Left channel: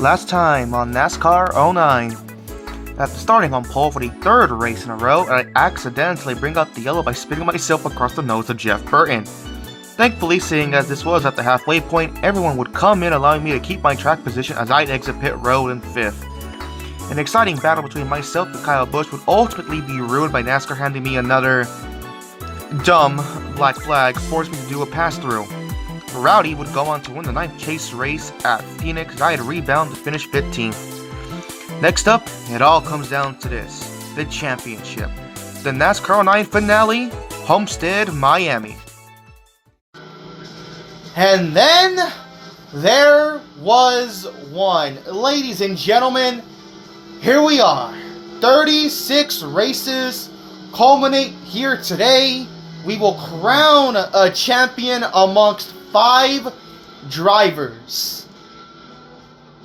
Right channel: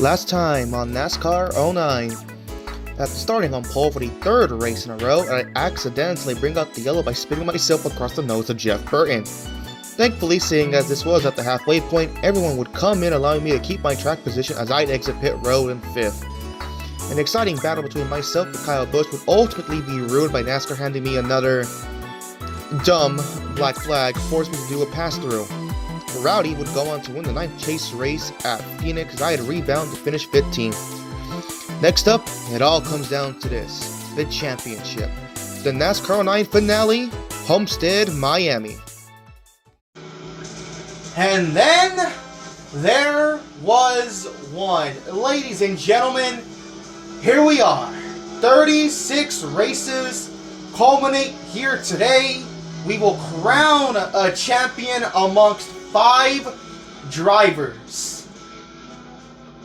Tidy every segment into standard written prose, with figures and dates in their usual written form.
Last time on NASCAR '09. After starting on pole for the third race in a row, I accidentally bring out the yellow by spinning myself across the nose of Jeff Burton. Thankfully, seeing as this was at the halfway point, everyone would come in allowing me to keep my track position as I'd exit pit road in 5th. An exciting battle between myself and Kyle Busch would ultimately be ruined by NASCAR handing me another dumb black flag, forcing me to do a pass-through. Rowdy would go on to win the 9th chase race at Phoenix as I had rebound to finish 15th. Next up, it all comes down to this, the championship. The NASCAR '09 finale, Homestead-Miami. And then, there was one. Ladies and gentlemen, here we are. 36 races culminate here today. We will crown a champion amongst 5 drivers.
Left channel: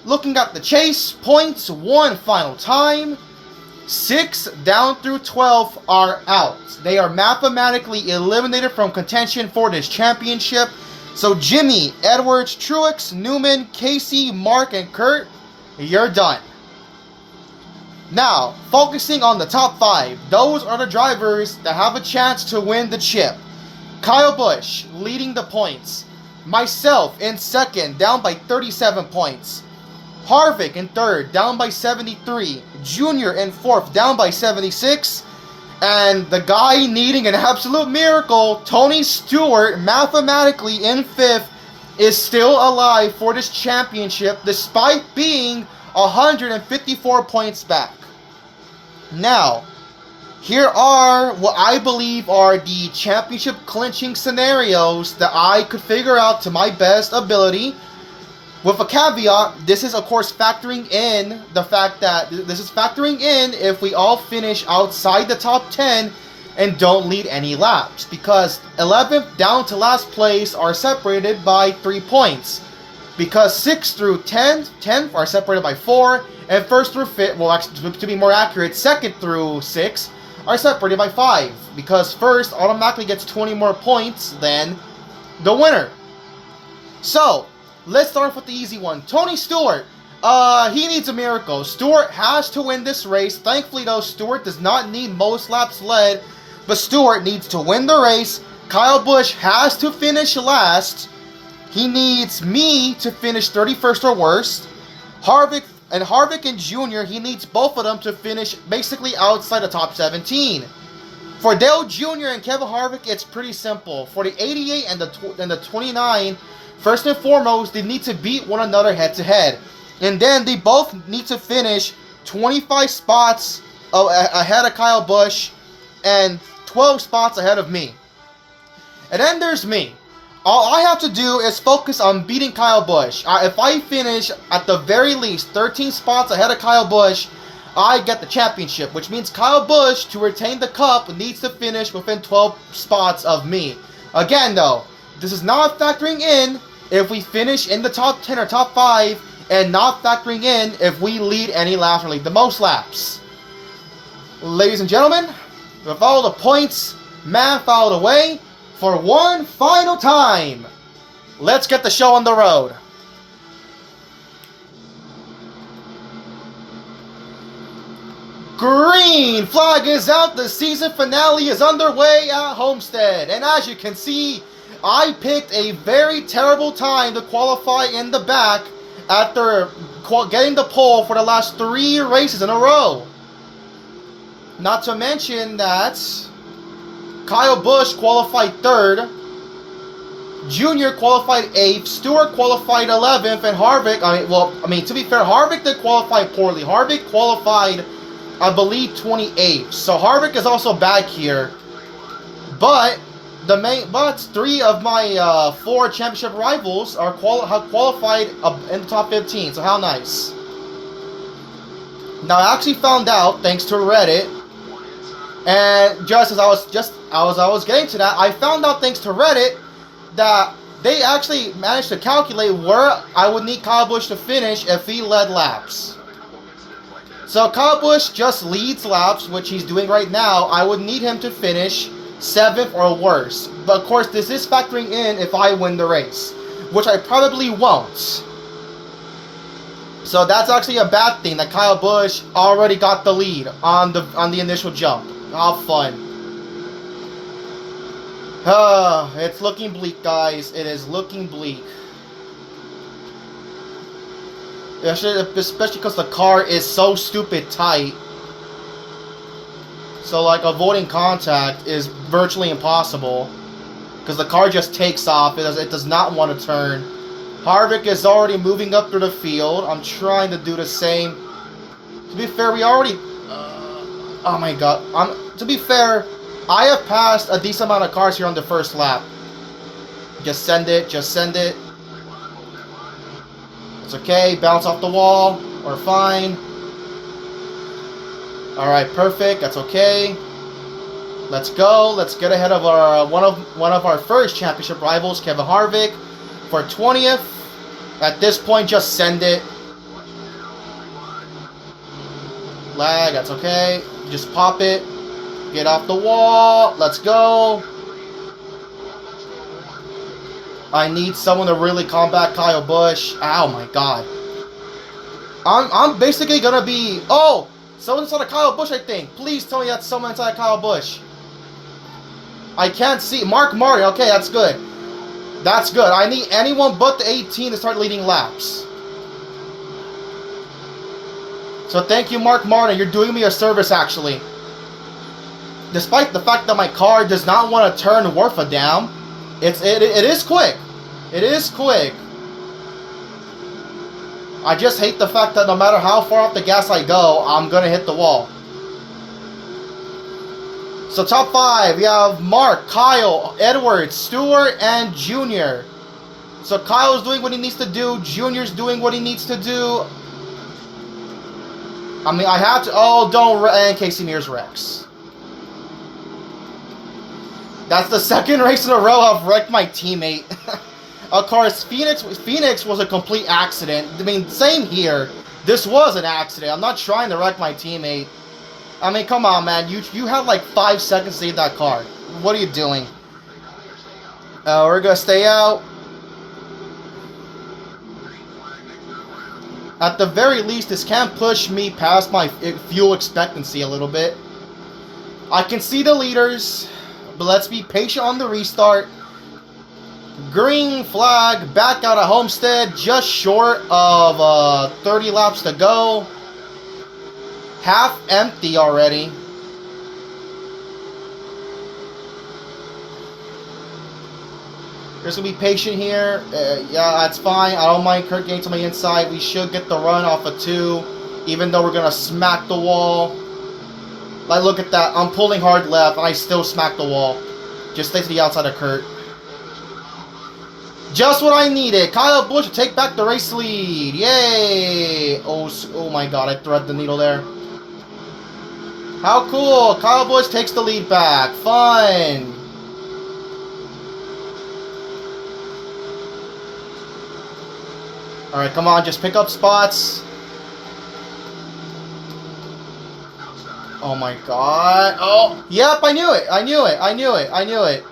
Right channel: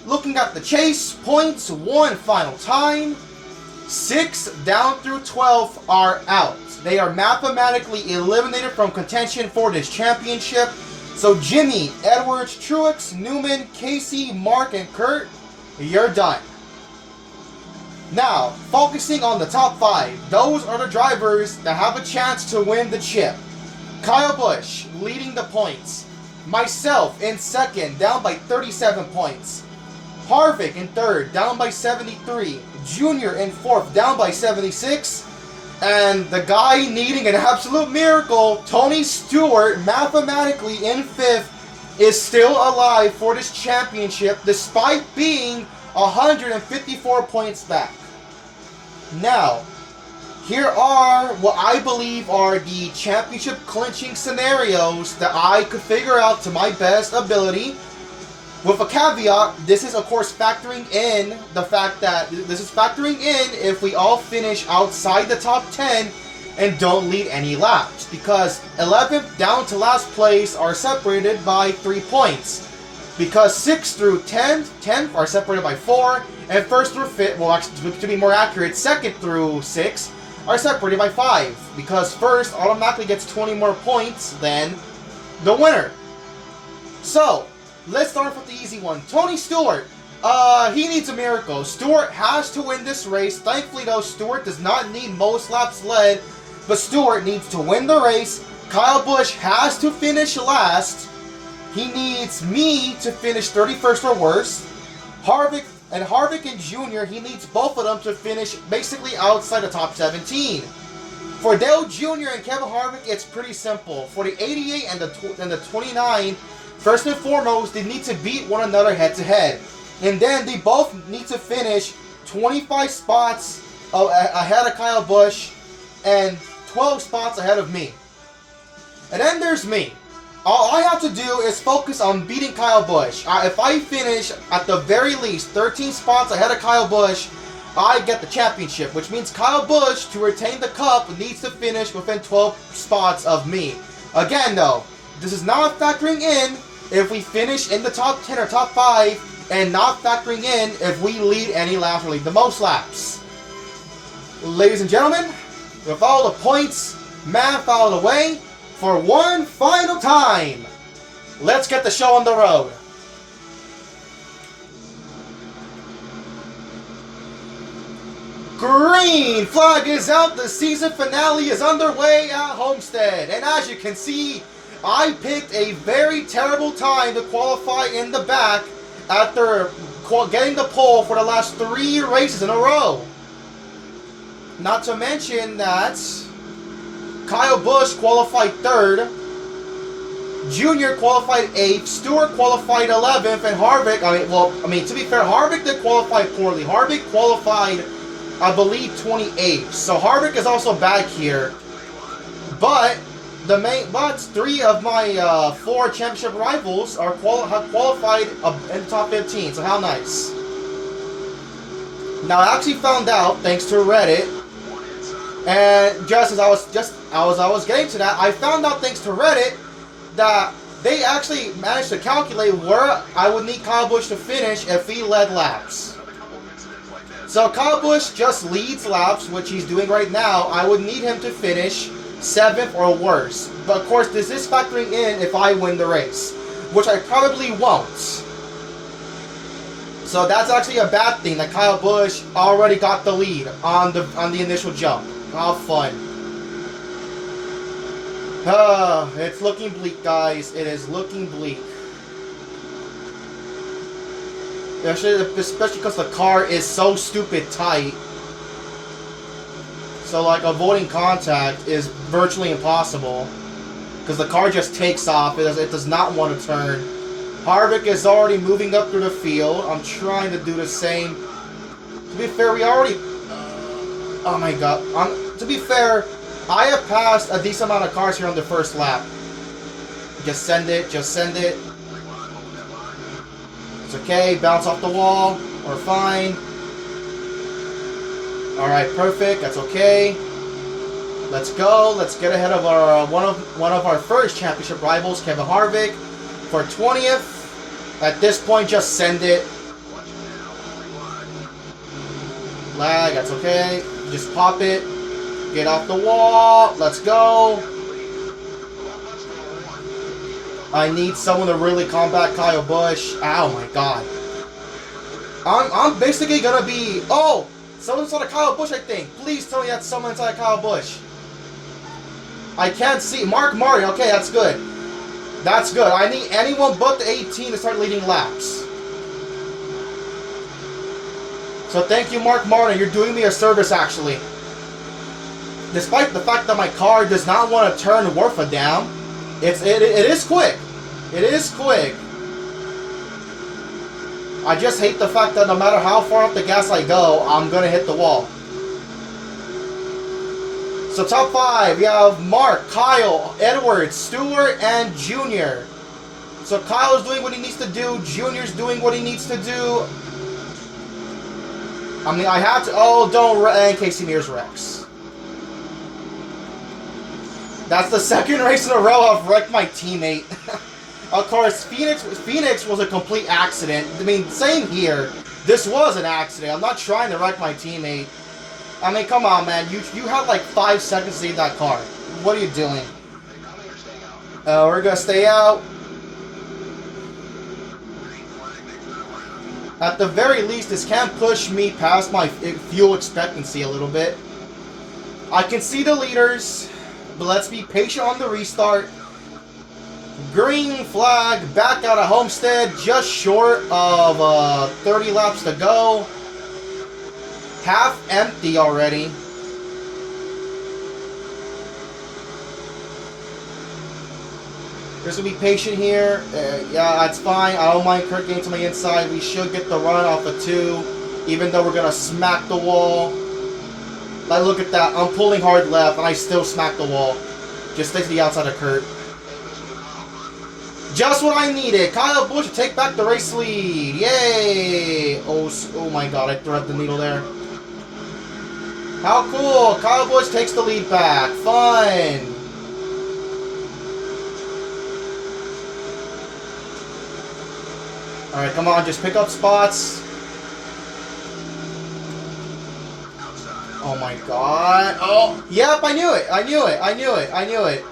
Looking at the chase, points, 1 final time. 6 down through 12 are out. They are mathematically eliminated from contention for this championship. So Jimmy, Edwards, Truex, Newman, Casey, Mark, and Kurt, you're done. Now, focusing on the top 5, those are the drivers that have a chance to win the chip. Kyle Busch leading the points. Myself in second, down by 37 points. Harvick in third, down by 73. Junior in fourth, down by 76. And the guy needing an absolute miracle, Tony Stewart, mathematically in 5th, is still alive for this championship despite being 154 points back. Now, here are what I believe are the championship clinching scenarios that I could figure out to my best ability. With a caveat, this is of course factoring in the fact that if we all finish outside the top 10 and don't lead any laps, because 11th down to last place are separated by 3 points. Because 6th through 10th are separated by 4, and 1st through 5th, well actually to be more accurate, 2nd through 6th are separated by 5, because 1st automatically gets 20 more points than the winner. So, let's start with the easy one. Tony Stewart, he needs a miracle. Stewart has to win this race. Thankfully though, Stewart does not need most laps led, but Stewart needs to win the race. Kyle Busch has to finish last. He needs me to finish 31st or worse. Harvick and Junior, he needs both of them to finish basically outside the top 17. For Dale Jr. and Kevin Harvick, it's pretty simple. For the 88 and the 29, first and foremost, they need to beat one another head to head. And then they both need to finish 25 spots ahead of Kyle Busch and 12 spots ahead of me. And then there's me. All I have to do is focus on beating Kyle Busch. If I finish at the very least 13 spots ahead of Kyle Busch, I get the championship, which means Kyle Busch, to retain the cup, needs to finish within 12 spots of me. Again though, this is not factoring in if we finish in the top 10 or top 5, and not factoring in if we lead any laps or lead the most laps. Ladies and gentlemen, with all the points math out of the way, for one final time, let's get the show on the road. Green flag is out, the season finale is underway at Homestead, and as you can see, I picked a very terrible time to qualify in the back after getting the pole for the last 3 races in a row. Not to mention that Kyle Busch qualified 3rd, Junior qualified 8th, Stewart qualified 11th, and Harvick, to be fair, Harvick did qualify poorly. Harvick qualified, I believe, 28th. So Harvick is also back here. But 3 of my 4 championship rivals have qualified in the top 15. So how nice. Now I actually found out, thanks to Reddit, and just as I was getting to that, I found out thanks to Reddit that they actually managed to calculate where I would need Kyle Busch to finish if he led laps. So Kyle Busch just leads laps, which he's doing right now. I would need him to finish 7th or worse. But of course, this is factoring in if I win the race, which I probably won't. So that's actually a bad thing that Kyle Busch already got the lead on the initial jump. How fun. It's looking bleak, guys. It is looking bleak. Especially because the car is so stupid tight. So, like, avoiding contact is virtually impossible. Because the car just takes off. It does not want to turn. Harvick is already moving up through the field. I'm trying to do the same. To be fair, we already... oh my god. To be fair, I have passed a decent amount of cars here on the first lap. Just send it. Just send it. It's okay. Bounce off the wall. We're fine. Alright, perfect. That's okay. Let's go. Let's get ahead of our one of our first championship rivals, Kevin Harvick, for 20th. At this point, just send it. Lag, that's okay. Just pop it. Get off the wall. Let's go. I need someone to really combat Kyle Busch. Oh my god. I'm basically gonna be... oh! Someone inside of Kyle Busch, I think. Please tell me that's someone inside of Kyle Busch. I can't see. Mark Martin. Okay, that's good. That's good. I need anyone but the 18 to start leading laps. So thank you, Mark Martin. You're doing me a service, actually. Despite the fact that my car does not want to turn worth a damn, it is quick. It is quick. I just hate the fact that no matter how far off the gas I go, I'm going to hit the wall. So top 5, we have Mark, Kyle, Edwards, Stewart, and Junior. So Kyle is doing what he needs to do. Junior's doing what he needs to do. I mean, I have to... oh, don't... and Casey Mears wrecks. That's the second race in a row I've wrecked my teammate. Of course, Phoenix was a complete accident. I mean, same here. This was an accident. I'm not trying to wreck my teammate. I mean, come on, man. You have like 5 seconds to leave that car. What are you doing? We're going to stay out. At the very least, this can push me past my fuel expectancy a little bit. I can see the leaders, but let's be patient on the restart. Green flag, back out of Homestead, just short of 30 laps to go. Half empty already. Just gonna be patient here. Yeah, that's fine. I don't mind Kurt getting to my inside. We should get the run off of 2, even though we're gonna smack the wall. Like, look at that. I'm pulling hard left, and I still smack the wall. Just stay to the outside of Kurt. Just what I needed. Kyle Busch to take back the race lead. Yay! Oh my god, I threaded the needle there. How cool. Kyle Busch takes the lead back. Fun. Alright, come on. Just pick up spots. Oh my god. Oh, yep, I knew it. I knew it. I knew it. I knew it.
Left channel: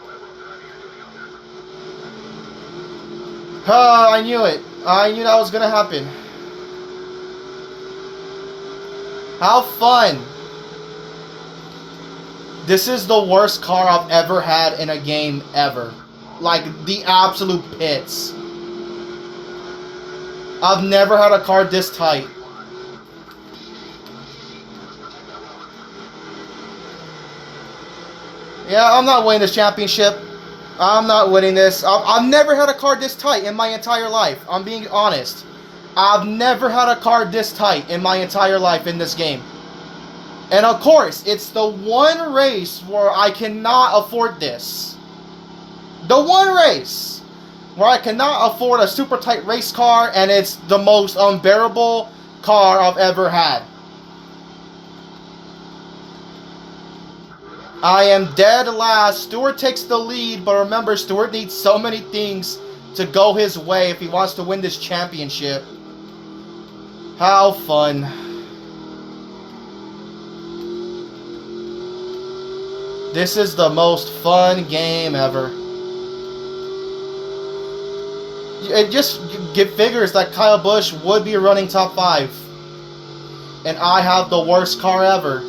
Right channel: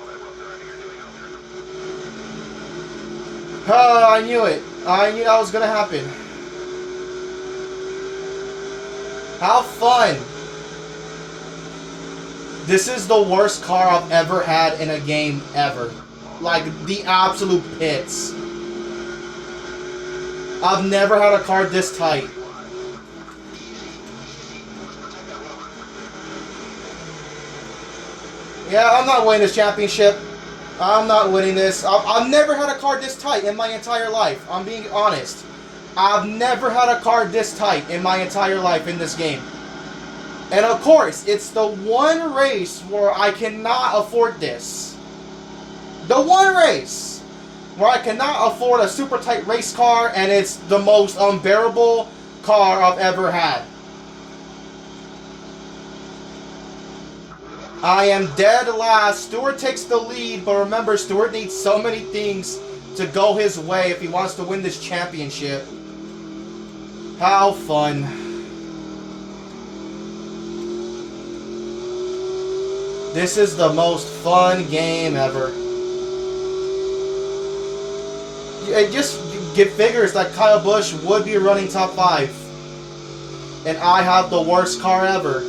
I knew it. I knew that was gonna happen. How fun. This is the worst car I've ever had in a game ever. Like, the absolute pits. I've never had a car this tight. Yeah, I'm not winning this championship. I'm not winning this. I've never had a car this tight in my entire life. I'm being honest. I've never had a car this tight in my entire life in this game. And of course, it's the one race where I cannot afford this. The one race where I cannot afford a super tight race car, and it's the most unbearable car I've ever had. I am dead last. Stewart takes the lead, but remember, Stewart needs so many things to go his way if he wants to win this championship. How fun. This is the most fun game ever. Just figures that Kyle Busch would be running top 5. And I have the worst car ever.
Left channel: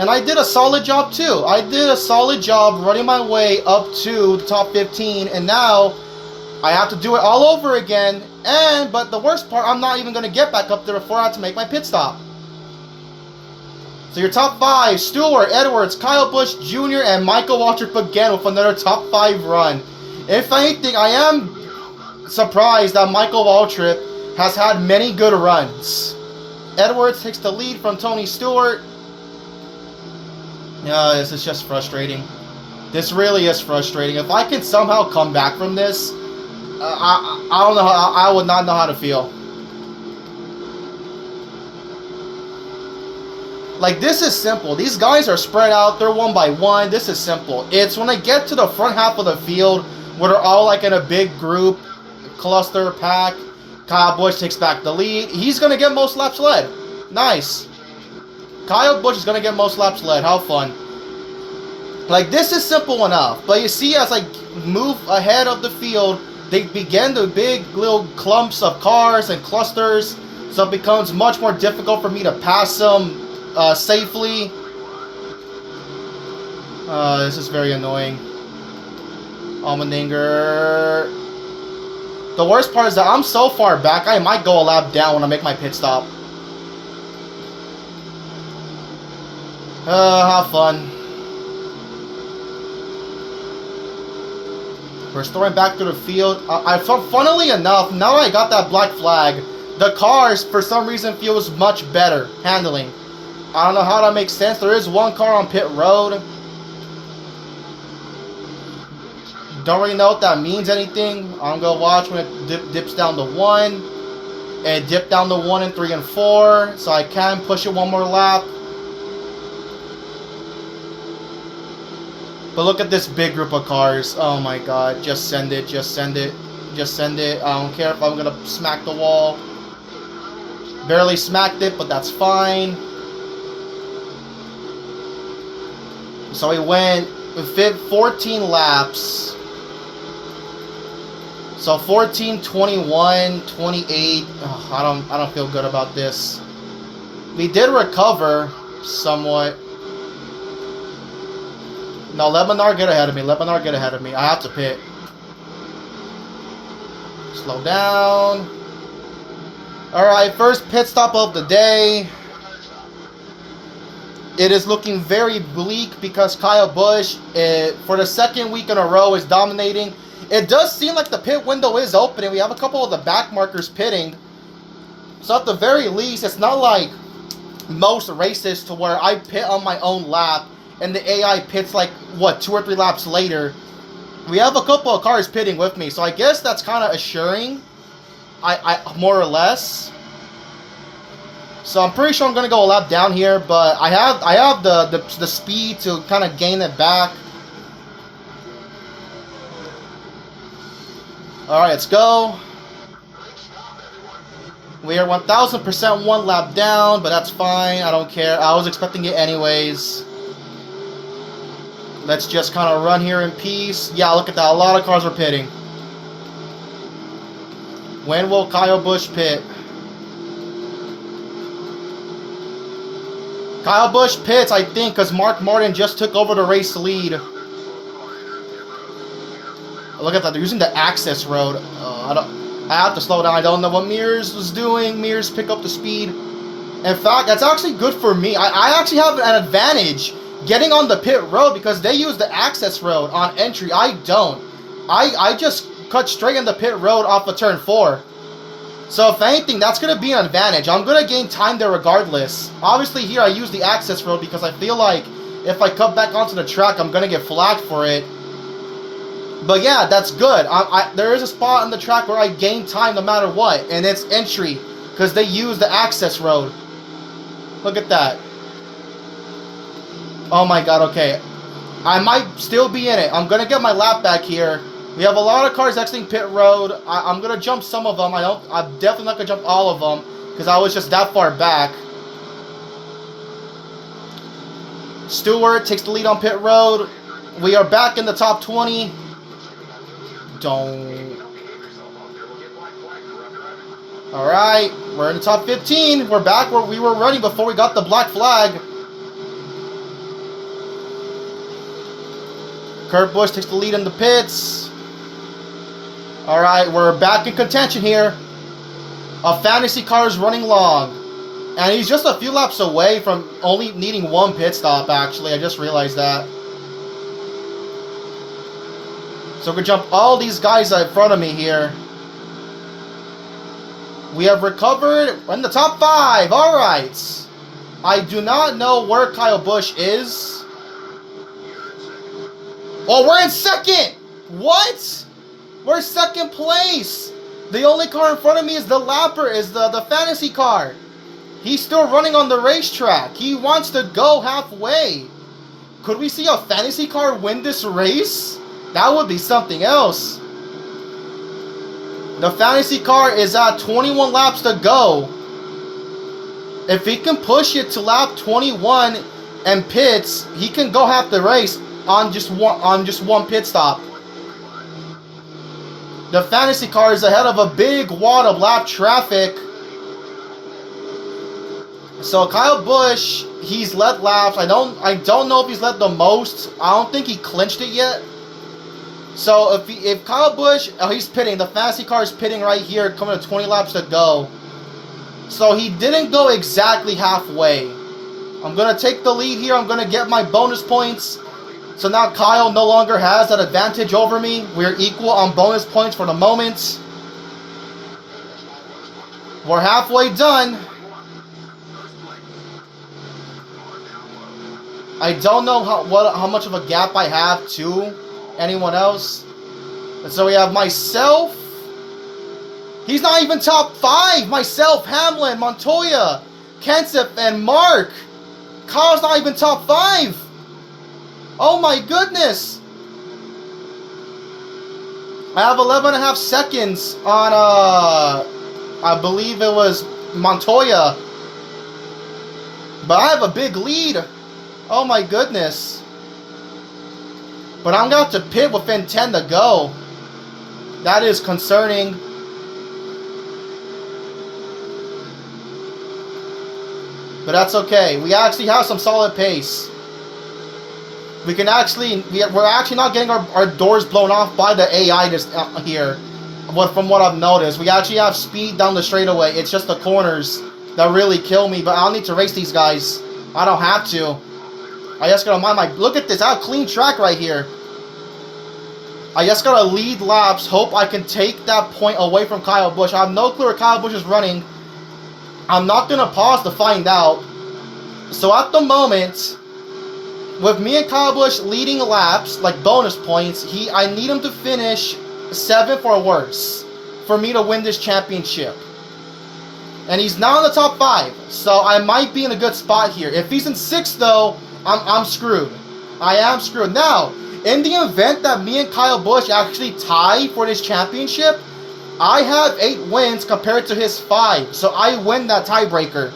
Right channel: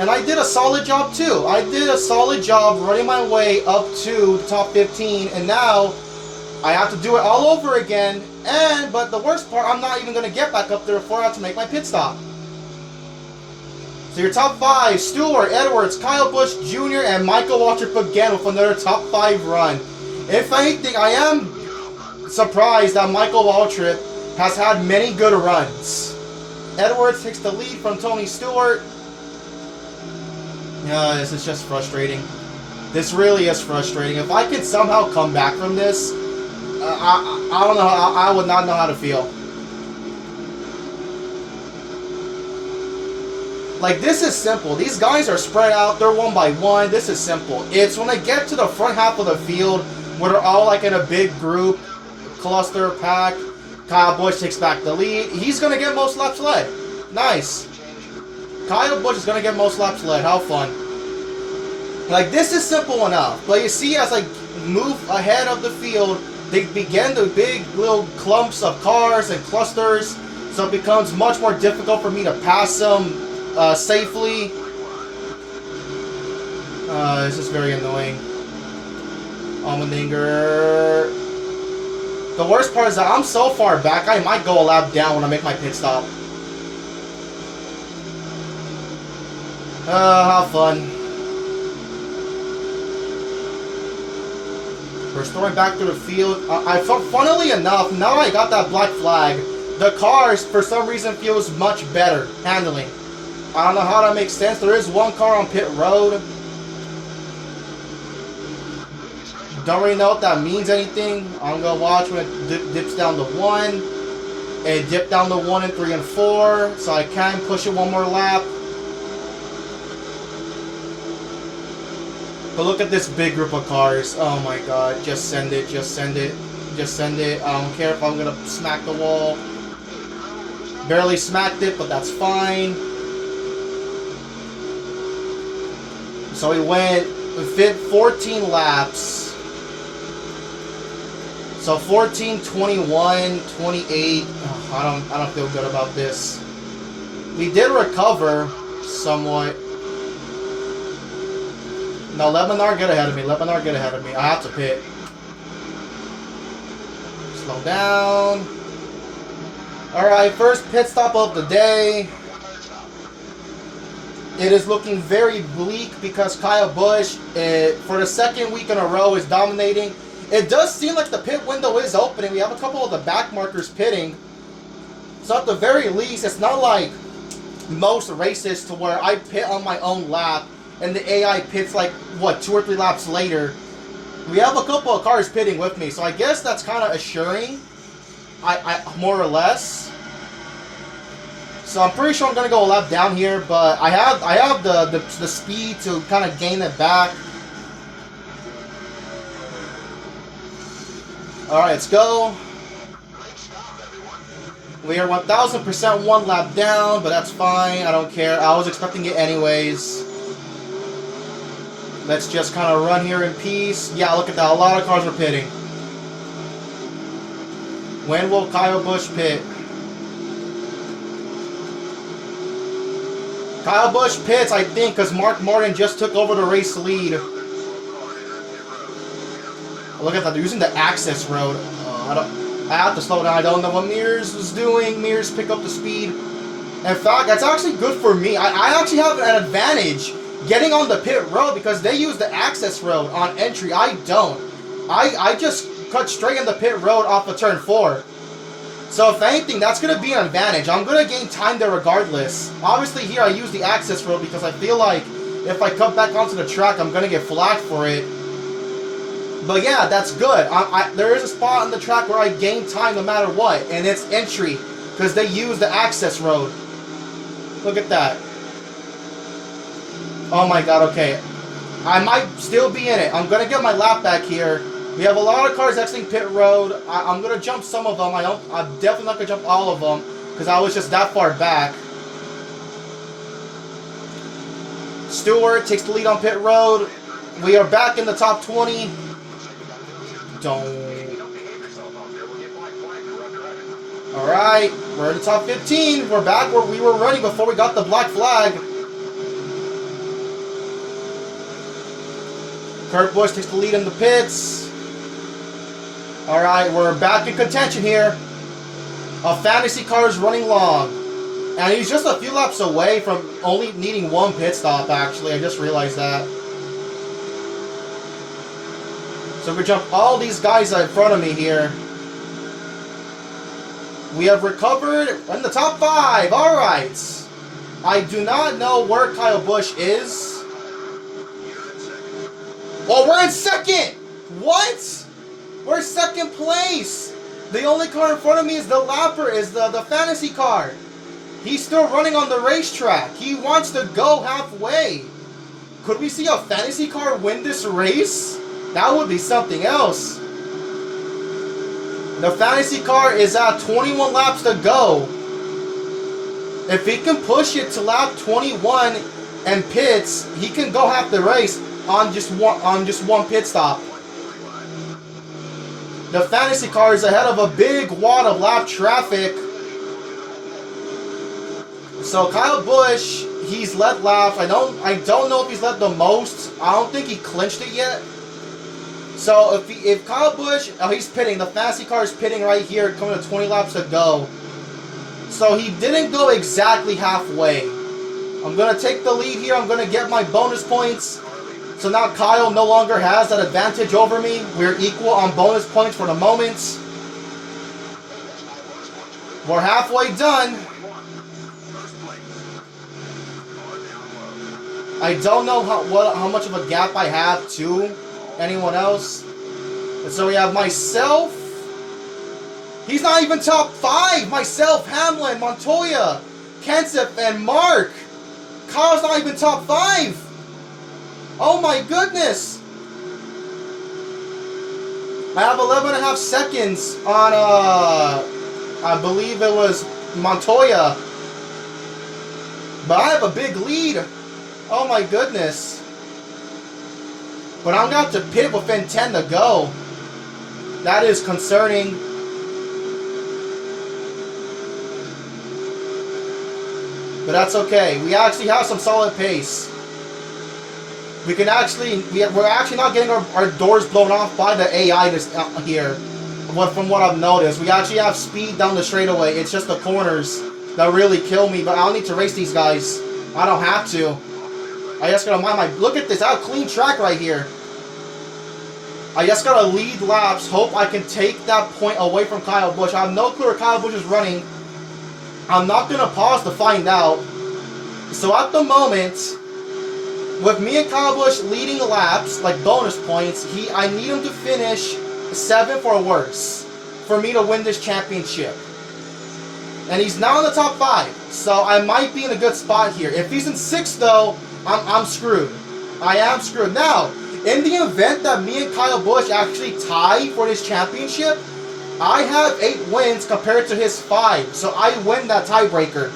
And I did a solid job too. I did a solid job running my way up to the top 15, and now I have to do it all over again. But the worst part, I'm not even going to get back up there before I have to make my pit stop. So your top 5, Stewart, Edwards, Kyle Busch Jr., and Michael Waltrip again with another top 5 run. If anything, I am surprised that Michael Waltrip has had many good runs. Edwards takes the lead from Tony Stewart. Yeah, this is just frustrating. This really is frustrating. If I could somehow come back from this, I don't know how, I would not know how to feel. Like, this is simple. These guys are spread out. They're one by one. This is simple. It's when they get to the front half of the field where they're all like in a big group, cluster, pack. Kyle Busch takes back the lead. He's going to get most laps led. Nice. Kyle Busch is going to get most laps led. How fun. Like, this is simple enough. But you see, as I move ahead of the field, they begin the big little clumps of cars and clusters. So it becomes much more difficult for me to pass them safely. This is very annoying. Allmendinger. The worst part is that I'm so far back, I might go a lap down when I make my pit stop. Have fun. We're restoring back to the field. Funnily enough, now that I got that black flag, the cars, for some reason, feels much better handling. I don't know how that makes sense. There is one car on pit road. Don't really know if that means anything. I'm going to watch when it dips down to 1. It dipped down to 1 and 3 and 4. So I can push it one more lap. But look at this big group of cars. Oh my god. Just send it. Just send it. Just send it. I don't care if I'm going to smack the wall. Barely smacked it, but that's fine. So we went 14 laps. So 14, 21, 28. Oh, I don't feel good about this. We did recover somewhat. No, let Menard get ahead of me. Let Menard get ahead of me. I have to pit. Slow down. Alright, first pit stop of the day. It is looking very bleak because Kyle Busch, for the second week in a row, is dominating. It does seem like the pit window is opening. We have a couple of the back markers pitting. So at the very least, it's not like most races to where I pit on my own lap and the AI pits like, what, 2 or 3 laps later. We have a couple of cars pitting with me, so I guess that's kind of assuring. I more or less. So I'm pretty sure I'm gonna go a lap down here, but I have the speed to kind of gain it back. All right, let's go. We are 1000% 1 lap down, but that's fine. I don't care. I was expecting it anyways. Let's just kind of run here in peace. Yeah, look at that. A lot of cars are pitting. When will Kyle Busch pit? Kyle Busch pits, I think, because Mark Martin just took over the race lead. Look at that. They're using the access road. I have to slow down. I don't know what Mears was doing. Mears pick up the speed. In fact, that's actually good for me. I actually have an advantage getting on the pit road because they use the access road on entry. I don't. I just cut straight in the pit road off of turn 4. So if anything, that's going to be an advantage. I'm going to gain time there regardless. Obviously here I use the access road because I feel like if I cut back onto the track, I'm going to get flagged for it. But yeah, that's good. There is a spot on the track where I gain time no matter what, and it's entry because they use the access road. Look at that. Oh my god, okay. I might still be in it. I'm going to get my lap back here. We have a lot of cars exiting pit road. I'm going to jump some of them. I'm definitely not going to jump all of them because I was just that far back. Stewart takes the lead on pit road. We are back in the top 20. Don't. Alright, we're in the top 15. We're back where we were running before we got the black flag. Kurt Busch takes the lead in the pits. Alright, we're back in contention here. A fantasy car is running long. And he's just a few laps away from only needing one pit stop, actually. I just realized that. So we jump all these guys in front of me here. We have recovered in the top 5. Alright. I do not know where Kyle Busch is. Oh, we're in second! What? We're second place! The only car in front of me is the lapper, is the fantasy car. He's still running on the racetrack. He wants to go halfway. Could we see a fantasy car win this race? That would be something else. The fantasy car is at 21 laps to go. If he can push it to lap 21 and pits, he can go half the race on just one pit stop. The fantasy car is ahead of a big wad of lap traffic. So Kyle Busch, he's led laps. I don't know if he's led the most. I don't think he clinched it yet. So if Kyle Busch, oh, he's pitting. The fantasy car is pitting right here, coming to 20 laps to go. So he didn't go exactly halfway. I'm going to take the lead here. I'm going to get my bonus points. So now Kyle no longer has that advantage over me. We're equal on bonus points for the moment. We're halfway done. I don't know how much of a gap I have to anyone else. And so we have myself. He's not even top 5. Myself, Hamlin, Montoya, Kenseth, and Mark. Kyle's not even top 5. Oh my goodness. I have 11.5 seconds on, I believe it was Montoya. But I have a big lead. Oh my goodness. But I'm going to pit within 10 to go. That is concerning. But that's okay. We actually have some solid pace. We can actually, we're actually not getting our doors blown off by the AI just here. From what I've noticed. We actually have speed down the straightaway. It's just the corners that really kill me. But I don't need to race these guys. I don't have to. I just gotta mind my... Look at this. I have a clean track right here. I just gotta lead laps. Hope I can take that point away from Kyle Busch. I have no clue where Kyle Busch is running. I'm not gonna pause to find out. So at the moment, with me and Kyle Busch leading laps, like bonus points, I need him to finish 7th or worse for me to win this championship. And he's not in the top 5, so I might be in a good spot here. If he's in 6th though, I'm screwed. I am screwed. Now, in the event that me and Kyle Busch actually tie for this championship, I have 8 wins compared to his 5. So I win that tiebreaker.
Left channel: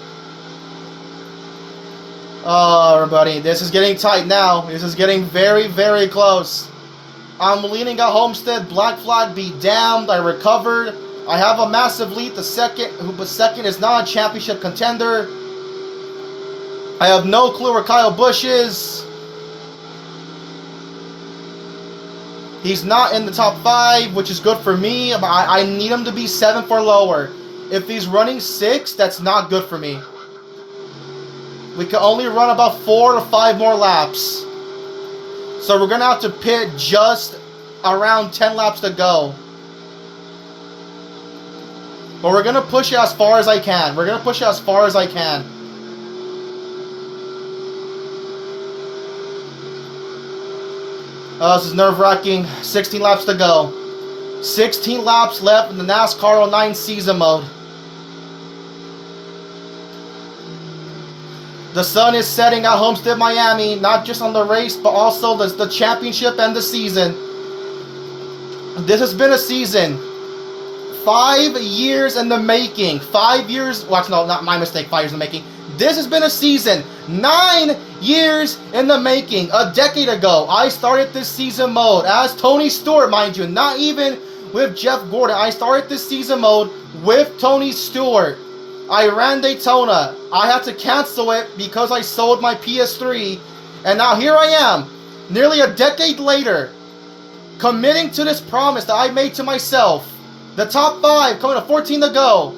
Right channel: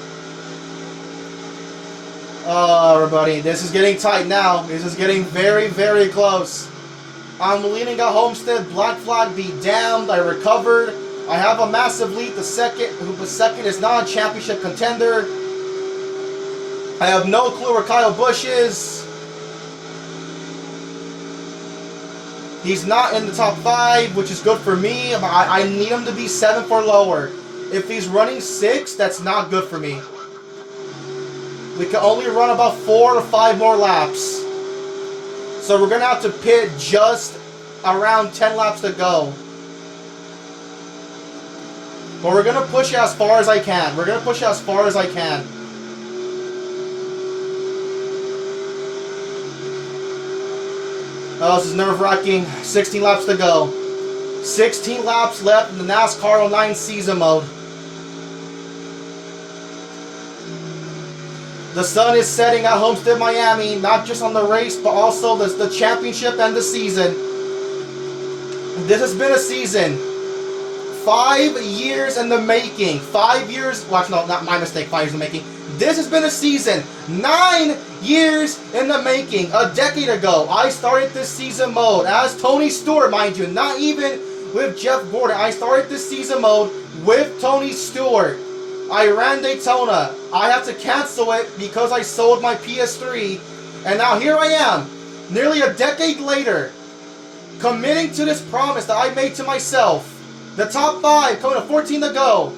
Oh, everybody, this is getting tight now. This is getting very, very close. I'm leading at Homestead. Black flag be damned. I recovered. I have a massive lead. The second is not a championship contender. I have no clue where Kyle Busch is. He's not in the top 5, which is good for me. I need him to be 7th or lower. If he's running 6, that's not good for me. We can only run about 4 to 5 more laps. So we're going to have to pit just around 10 laps to go. But we're going to push it as far as I can. We're going to push it as far as I can. Oh, this is nerve-wracking. 16 laps to go. 16 laps left in the NASCAR 09 season mode. The sun is setting at Homestead-Miami, not just on the race, but also the championship and the season. This has been a season. 5 years in the making. 5 years, well, no, not my mistake, 5 years in the making. This has been a season. 9 Years in the making. A decade ago, I started this season mode as Tony Stewart, mind you, not even with Jeff Gordon. I started this season mode with Tony Stewart. I ran Daytona. I had to cancel it because I sold my PS3. And now here I am, nearly a decade later, committing to this promise that I made to myself. The top 5 coming to 14 to go.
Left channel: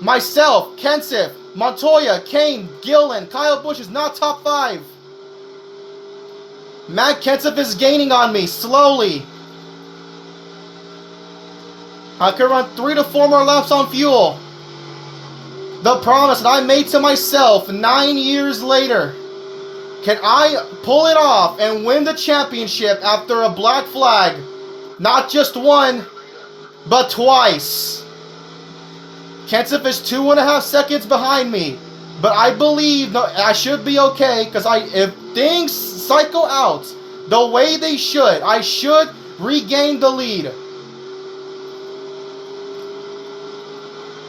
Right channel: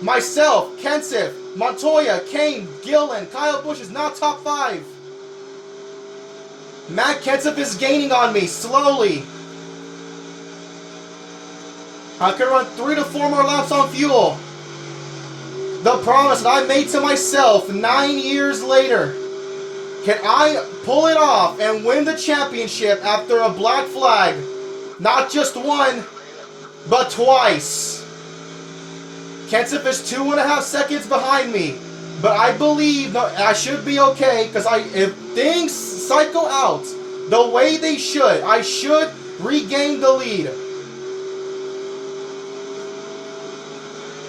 Myself, Kenseth, Montoya, Kane, Gillen, Kyle Busch is not top 5. Matt Kenseth is gaining on me slowly. I can run 3 to 4 more laps on fuel. The promise that I made to myself 9 years later. Can I pull it off and win the championship after a black flag? Not just one, but twice. Kenseth is 2.5 seconds behind me. But I believe I should be okay, because if things cycle out the way they should, I should regain the lead.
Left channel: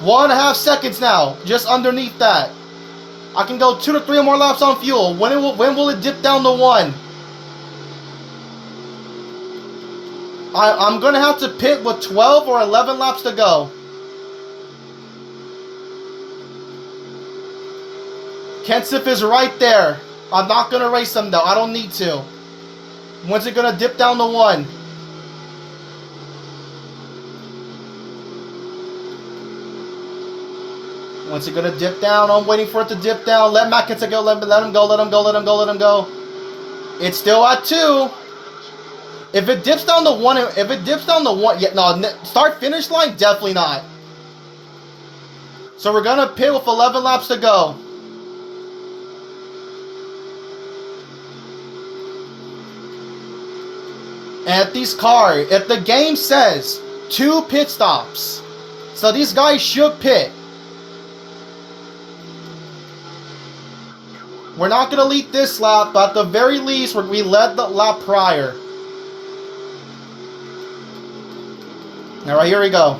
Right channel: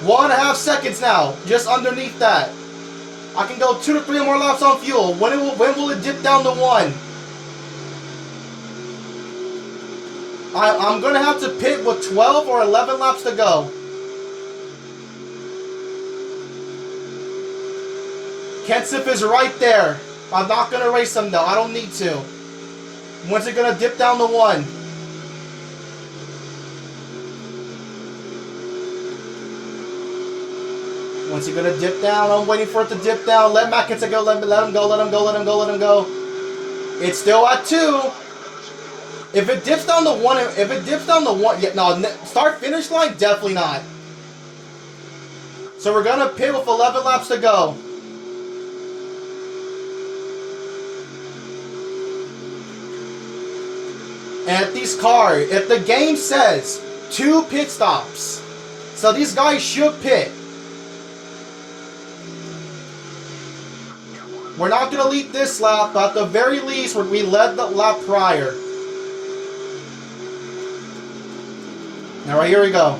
1.5 seconds now, just underneath that. I can go 2 to 3 more laps on fuel. When will it dip down to 1? I'm going to have to pit with 12 or 11 laps to go. Kenseth is right there. I'm not going to race him though. I don't need to. When's it going to dip down to 1? When's it going to dip down? I'm waiting for it to dip down. Let Matt Kenseth go. Let him go. Let him go. Let him go. Let him go. It's still at 2. If it dips down to 1, yeah, no, start finish line, definitely not. So we're gonna pit with 11 laps to go. And if the game says 2 pit stops, so these guys should pit. We're not gonna lead this lap, but at the very least, we led the lap prior. Alright, here we go.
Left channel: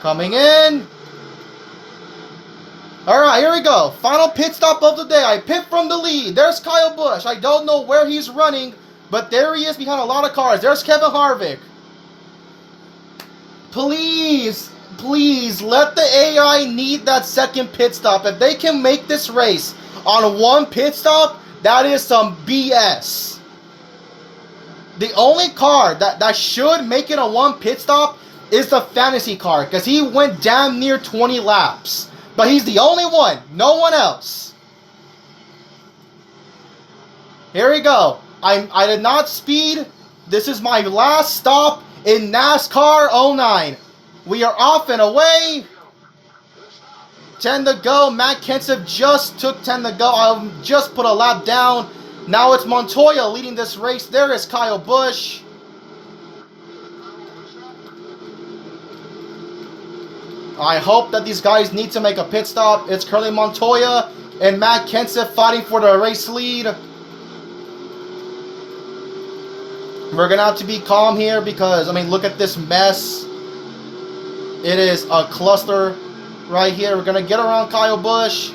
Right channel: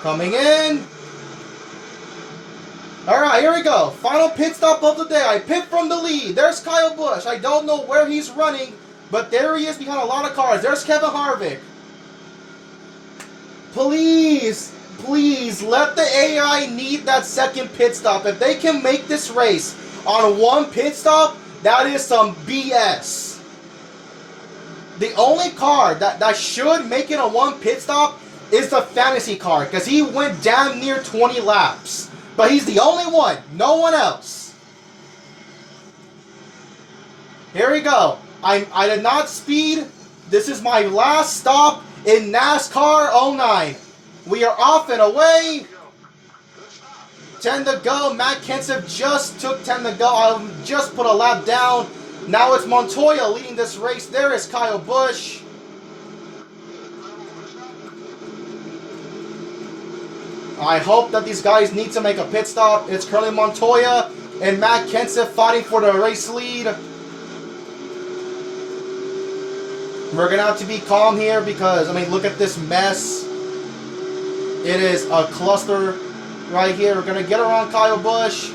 Coming in. Alright, here we go. Final pit stop of the day. I pit from the lead. There's Kyle Busch. I don't know where he's running, but there he is behind a lot of cars. There's Kevin Harvick. Please, please, let the AI need that second pit stop. If they can make this race on 1 pit stop, that is some BS. The only car that should make it a 1 pit stop is the fantasy car, because he went damn near 20 laps. But he's the only one, no one else. Here we go. I did not speed. This is my last stop in NASCAR 09. We are off and away. 10 to go. Matt Kenseth just took 10 to go. I just put a lap down. Now it's Montoya leading this race. There is Kyle Busch. I hope that these guys need to make a pit stop. It's currently Montoya and Matt Kenseth fighting for the race lead. We're going to have to be calm here because, I mean, look at this mess. It is a cluster right here. We're going to get around Kyle Busch.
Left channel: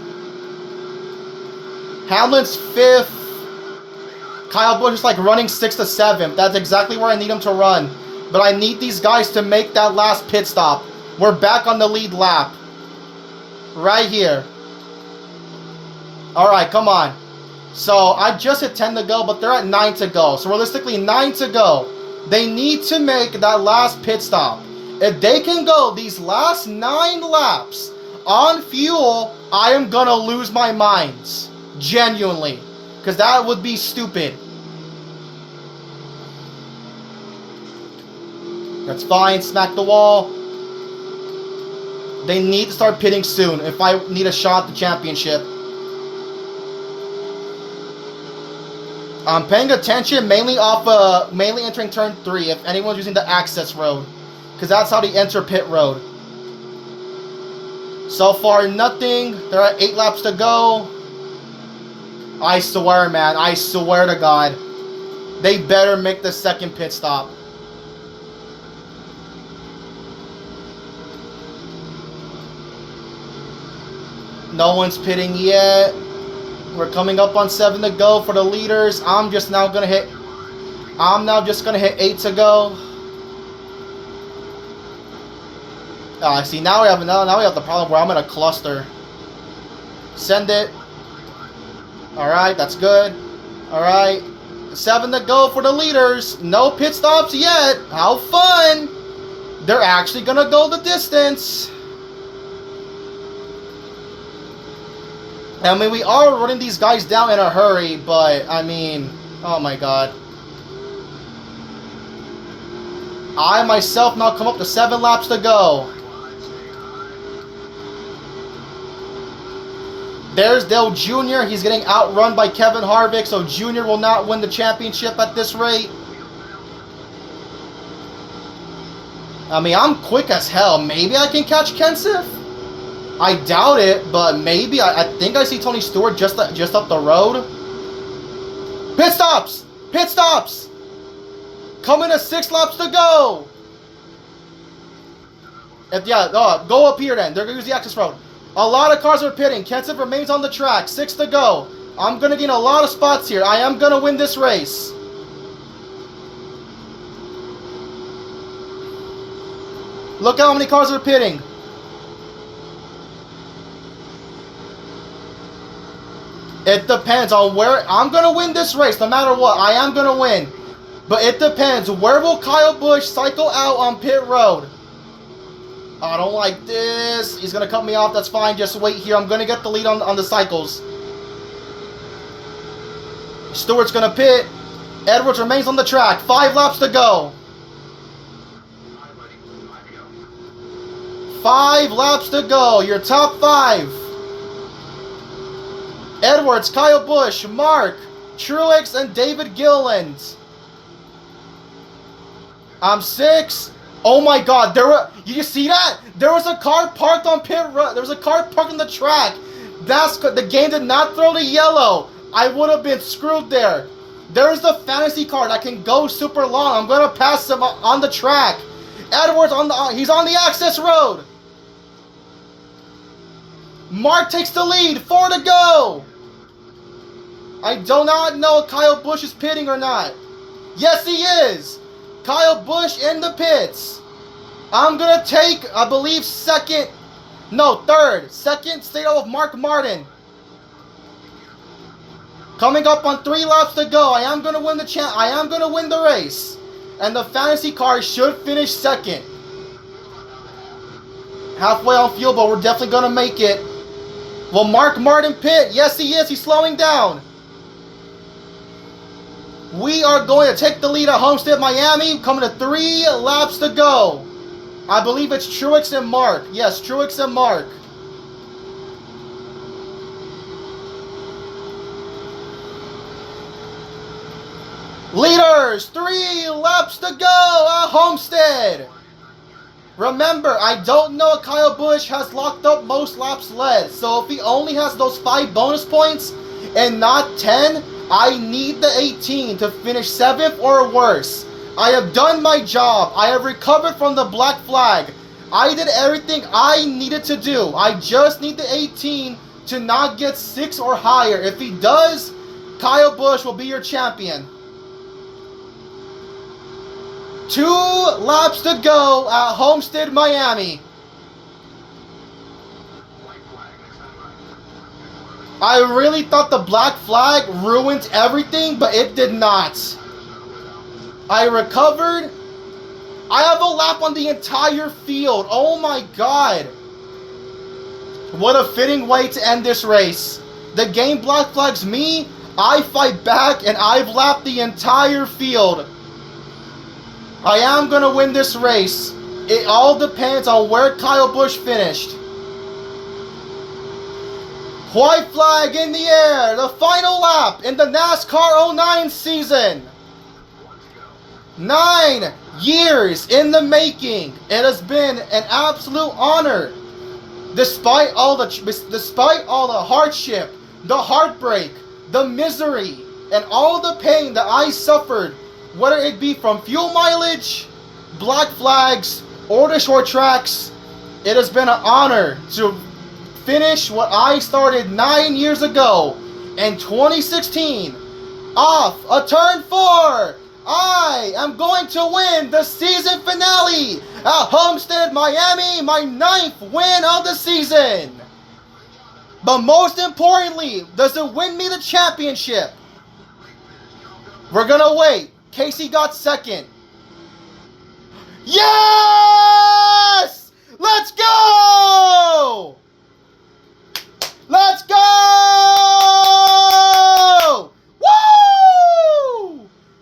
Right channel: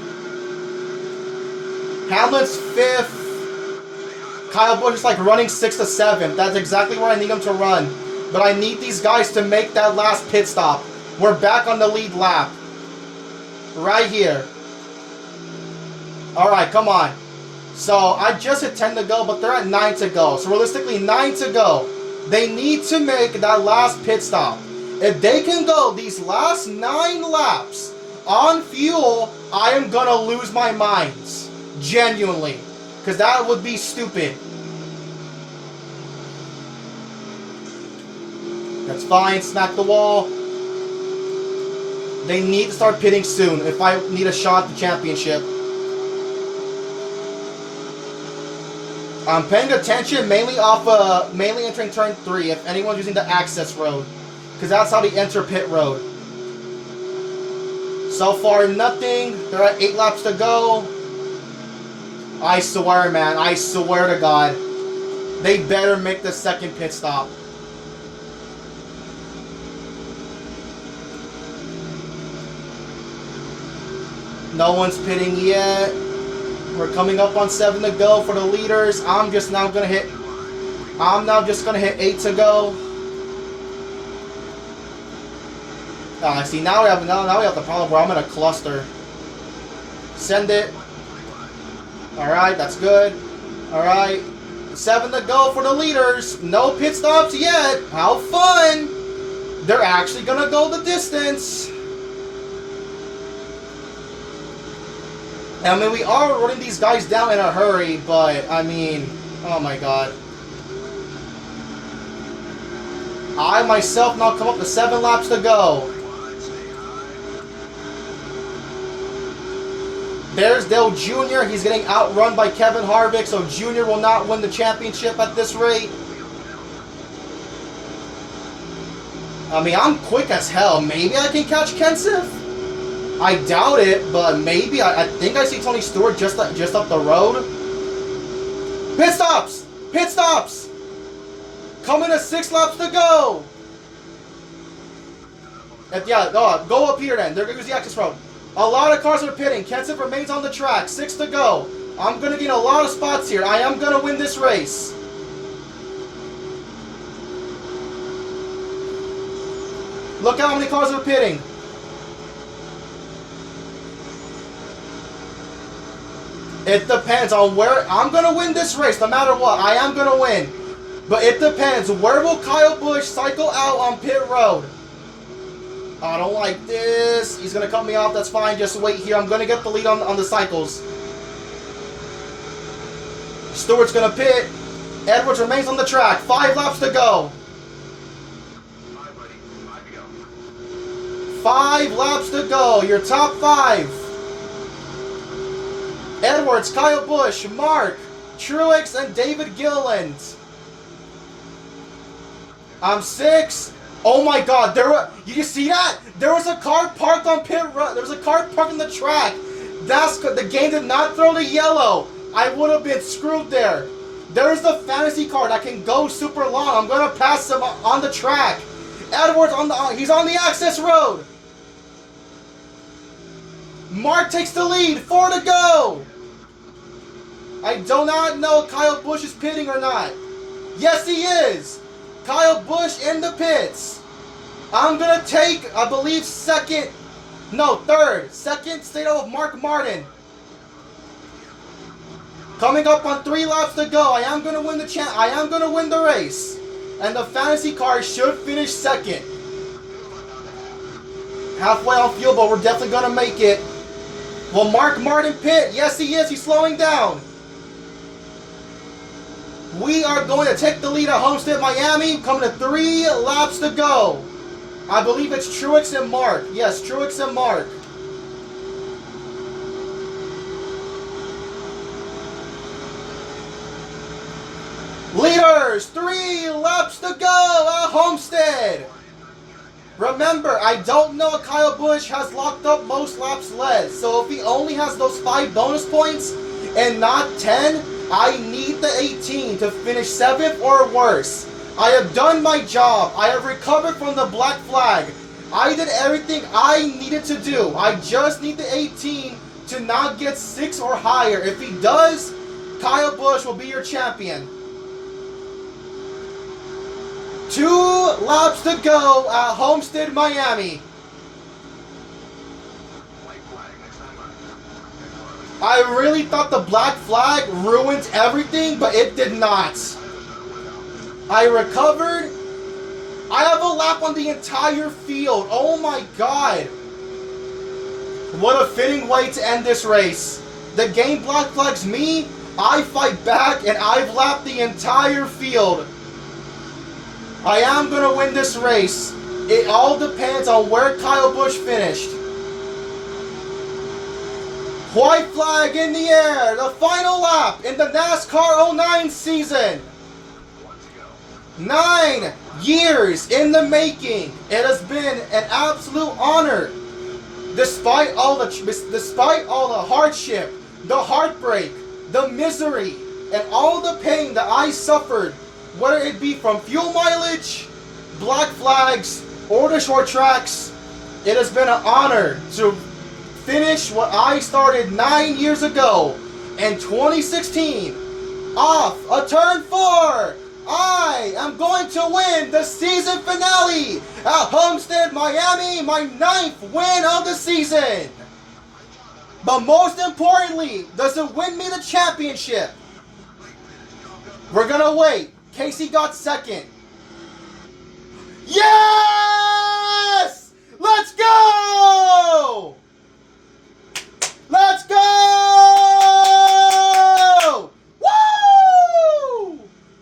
Hamlin's 5th. Kyle Busch is like running 6th to 7th. That's exactly where I need him to run. But I need these guys to make that last pit stop. We're back on the lead lap. Right here. Alright, come on. So, I just hit 10 to go, but they're at 9 to go. So, realistically, 9 to go. They need to make that last pit stop. If they can go these last 9 laps on fuel, I am going to lose my mind. Genuinely. Because that would be stupid. That's fine. Smack the wall. They need to start pitting soon if I need a shot at the championship. I'm paying attention mainly entering turn 3 if anyone's using the access road. Because that's how they enter pit road. So far, nothing. They're at 8 laps to go. I swear, man. I swear to God. They better make the second pit stop. No one's pitting yet. We're coming up on 7 to go for the leaders. I'm now just gonna hit 8 to go. See, now we have the problem where I'm in a cluster. Send it. Alright, that's good. Alright. 7 to go for the leaders. No pit stops yet. How fun! They're actually gonna go the distance. I mean, we are running these guys down in a hurry, but, I mean, oh my god. I myself now come up with 7 laps to go. There's Dale Jr. He's getting outrun by Kevin Harvick, so Jr. will not win the championship at this rate. I mean, I'm quick as hell. Maybe I can catch Kenseth? I doubt it, but maybe. I think I see Tony Stewart just up the road. Pit stops! Pit stops! Coming to 6 laps to go! Go up here then. They're going to use the access road. A lot of cars are pitting. Kenseth remains on the track. 6 to go. I'm going to gain a lot of spots here. I am going to win this race. Look at how many cars are pitting. It depends on where. I'm going to win this race no matter what. I am going to win. But it depends. Where will Kyle Busch cycle out on pit road? I don't like this. He's going to cut me off. That's fine. Just wait here. I'm going to get the lead on the cycles. Stewart's going to pit. Edwards remains on the track. 5 laps to go. 5 laps to go. Your top 5. Edwards, Kyle Busch, Mark, Truex, and David Gilliland. I'm 6. Oh my god, you see that? There was a car parked on pit road. There was a car parked on the track. The game did not throw the yellow. I would have been screwed there. There's the fantasy car that can go super long. I'm going to pass him on the track. Edwards he's on the access road. Mark takes the lead. 4 to go. I do not know if Kyle Busch is pitting or not. Yes, he is. Kyle Busch in the pits. I'm going to take, I believe, third. Second stay out of Mark Martin. Coming up on 3 laps to go. I am going to win the race. And the fantasy car should finish second. Halfway on fuel, but we're definitely going to make it. Will Mark Martin pit? Yes, he is. He's slowing down. We are going to take the lead at Homestead-Miami. Coming to 3 laps to go. I believe it's Truex and Mark. Yes, Truex and Mark. Leaders, 3 laps to go at Homestead. Remember, I don't know if Kyle Busch has locked up most laps led. So if he only has those 5 bonus points and not 10, I need the 18 to finish 7th or worse. I have done my job. I have recovered from the black flag. I did everything I needed to do. I just need the 18 to not get 6 or higher. If he does, Kyle Busch will be your champion. 2 laps to go at Homestead-Miami. I really thought the black flag ruined everything, but it did not. I recovered. I have a lap on the entire field. Oh my god. What a fitting way to end this race. The game black flags me, I fight back, and I've lapped the entire field. I am going to win this race. It all depends on where Kyle Busch finished. White flag in the air. The final lap in the NASCAR 09 season. 9 years in the making. It has been an absolute honor. Despite all the hardship, the heartbreak, the misery, and all the pain that I suffered, whether it be from fuel mileage, black flags, or the short tracks, it has been an honor to finish what I started 9 years ago In 2016, off a turn 4, I am going to win the season finale at Homestead-Miami, my 9th win of the season. But most importantly, does it win me the championship? We're gonna wait. Casey got 2nd. Yes! Let's go! Let's go! Woo!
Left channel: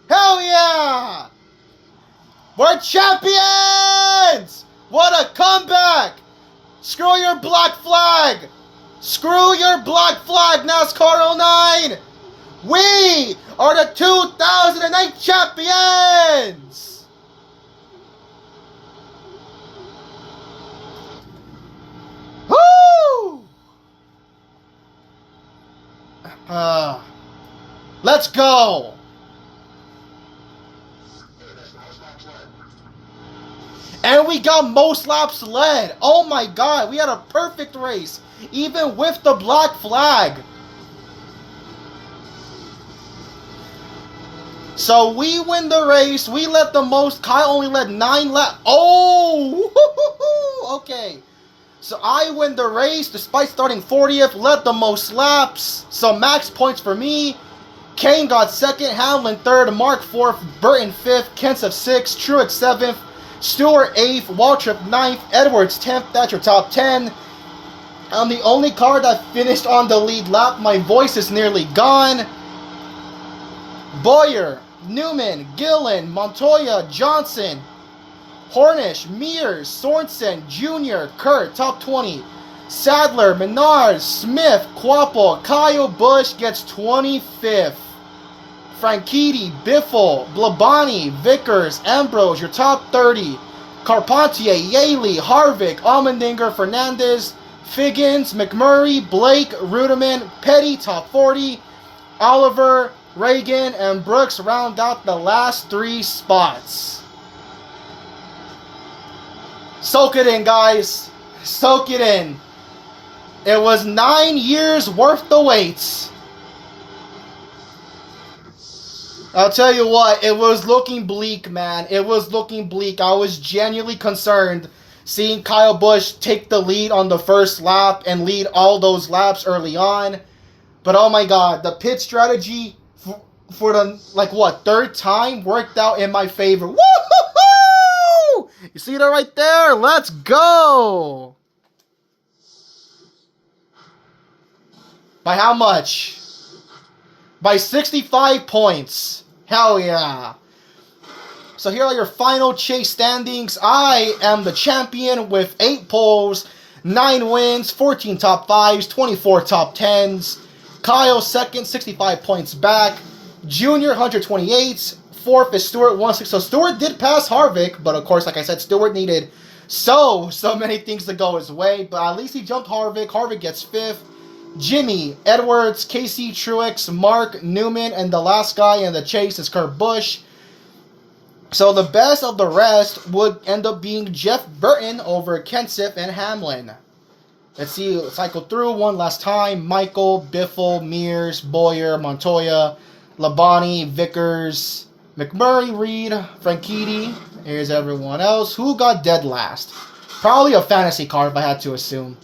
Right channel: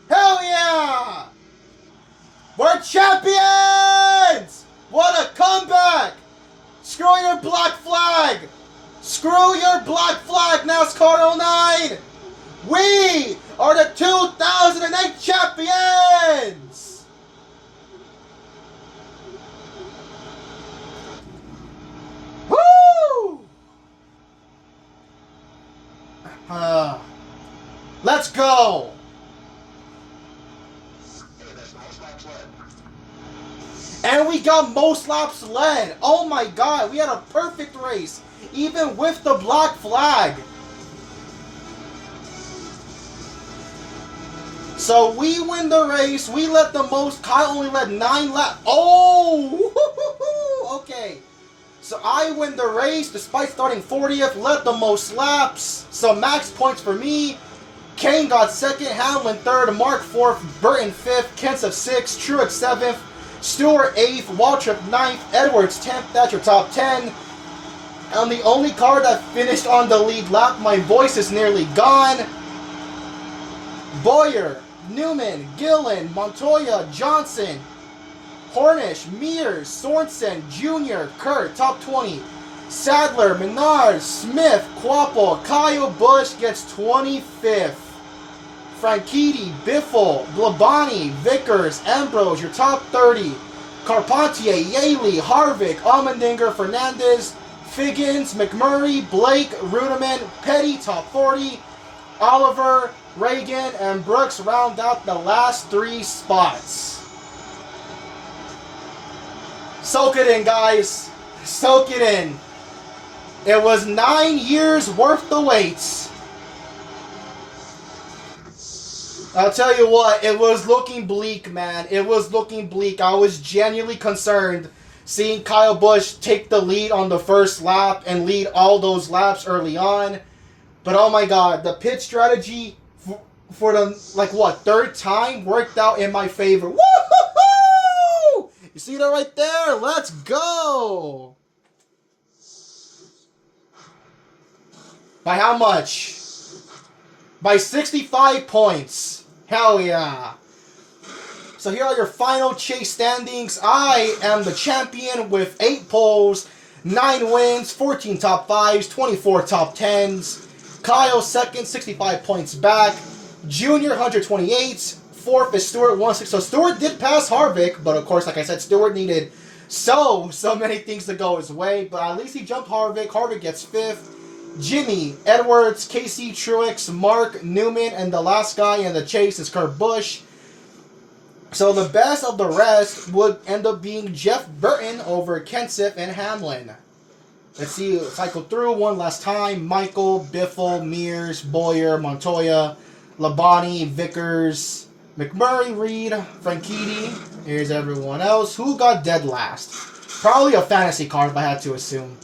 Hell yeah! We're champions! What a comeback! Screw your black flag! Screw your black flag, NASCAR 09! We are the 2008 champions! Woo! Let's go! And we got most laps led. Oh my god, we had a perfect race, even with the black flag. So we win the race. We led the most. Kyle only led 9 laps. Oh! Okay. So I win the race despite starting 40th, led the most laps. So max points for me. Kane got 2nd, Hamlin 3rd, Mark 4th, Burton 5th, Kenseth 6th, Truex 7th, Stewart 8th, Waltrip 9th, Edwards 10th. That's your top 10. I'm the only car that finished on the lead lap. My voice is nearly gone. Boyer, Newman, Gillen, Montoya, Johnson, Hornish, Mears, Sorensen, Jr., Kurt, top 20. Sadler, Menard, Smith, Quapple, Kyle Busch gets 25th. Franchitti, Biffle, Blabani, Vickers, Ambrose, your top 30. Carpentier, Yaley, Harvick, Allmendinger, Fernandez, Figgins, McMurray, Blake, Ruderman, Petty, top 40. Oliver, Reagan, and Brooks round out the last 3 spots. Soak it in, guys. Soak it in. It was 9 years worth the wait. I'll tell you what, it was looking bleak, man. It was looking bleak. I was genuinely concerned seeing Kyle Busch take the lead on the first lap and lead all those laps early on. But oh my god, the pit strategy for the, 3rd time worked out in my favor. Woo-hoo-hoo! You see that right there? Let's go! By how much? By 65 points. Hell yeah. So here are your final chase standings. I am the champion with 8 poles, 9 wins, 14 top 5s, 24 top 10s. Kyle 2nd, 65 points back. Junior 128. 4th is Stewart 160. So Stewart did pass Harvick, but of course, like I said, Stewart needed so many things to go his way. But at least he jumped Harvick. Harvick gets 5th. Jimmy, Edwards, Casey, Truex, Mark, Newman, and the last guy in the chase is Kurt Busch. So the best of the rest would end up being Jeff Burton over Kenseth and Hamlin. Let's see, cycle through one last time. Michael, Biffle, Mears, Boyer, Montoya, Labonte, Vickers, McMurray, Reed, Franchitti. Here's everyone else. Who got dead last? Probably a fantasy car if I had to assume.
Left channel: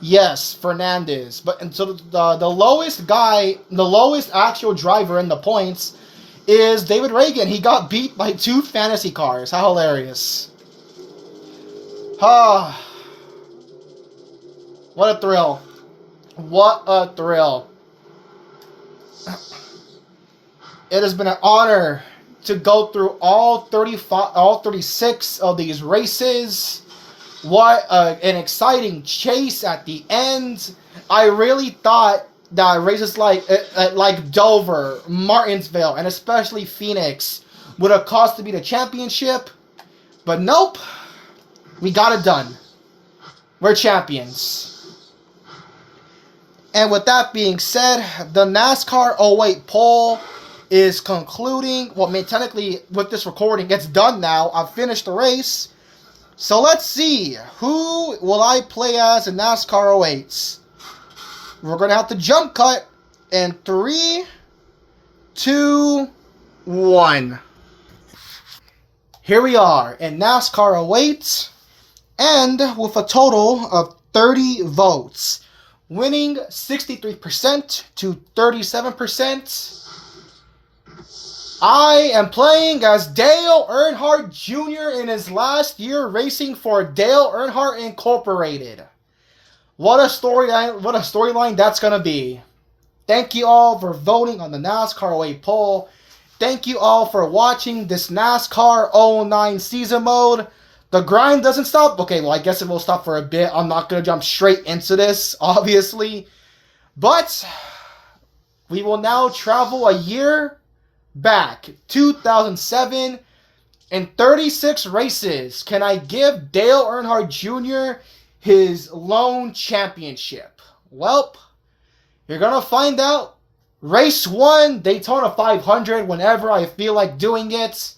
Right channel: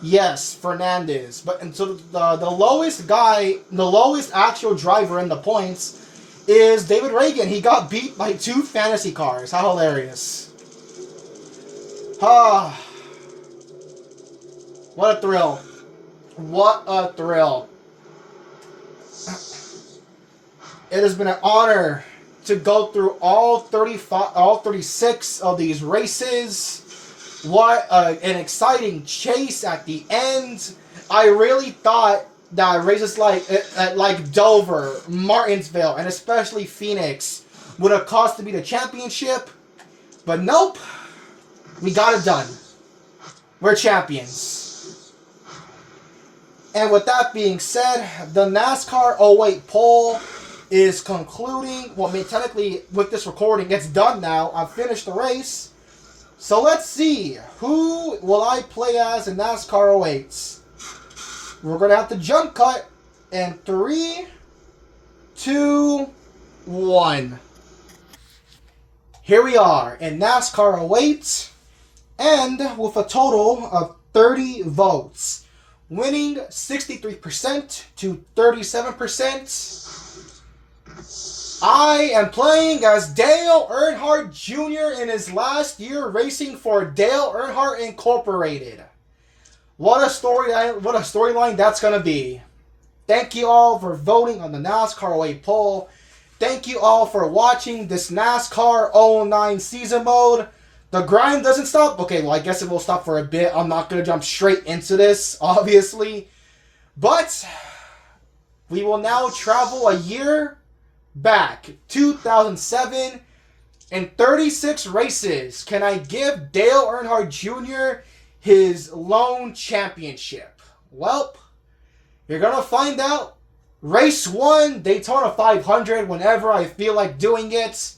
Yes, Fernandez. But and so the lowest guy, the lowest actual driver in the points is David Reagan. He got beat by 2 fantasy cars. How hilarious. Ah. What a thrill. What a thrill. It has been an honor to go through all 36 of these races. What an exciting chase at the end. I really thought that races like Dover, Martinsville, and especially Phoenix would have cost to be the championship. But nope. We got it done. We're champions. And with that being said, the NASCAR 08 poll is concluding. Well, I mean, technically, with this recording, it's done now. I've finished the race. So let's see. Who will I play as in NASCAR 08s? We're going to have to jump cut In 3, 2, 1. Here we are in NASCAR 08, and with a total of 30 votes, winning 63% to 37%. I am playing as Dale Earnhardt Jr. in his last year racing for Dale Earnhardt Incorporated. What a storyline that's going to be. Thank you all for voting on the NASCAR 08 poll. Thank you all for watching this NASCAR 09 season mode. The grind doesn't stop. Okay, well, I guess it will stop for a bit. I'm not going to jump straight into this, obviously. But we will now travel a year back, 2007. In 36 races, can I give Dale Earnhardt Jr. his lone championship? Well, you're going to find out. Race 1, Daytona 500, whenever I feel like doing it.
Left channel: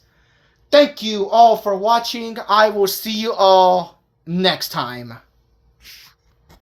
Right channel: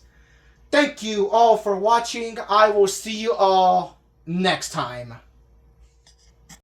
Thank you all for watching. I will see you all next time.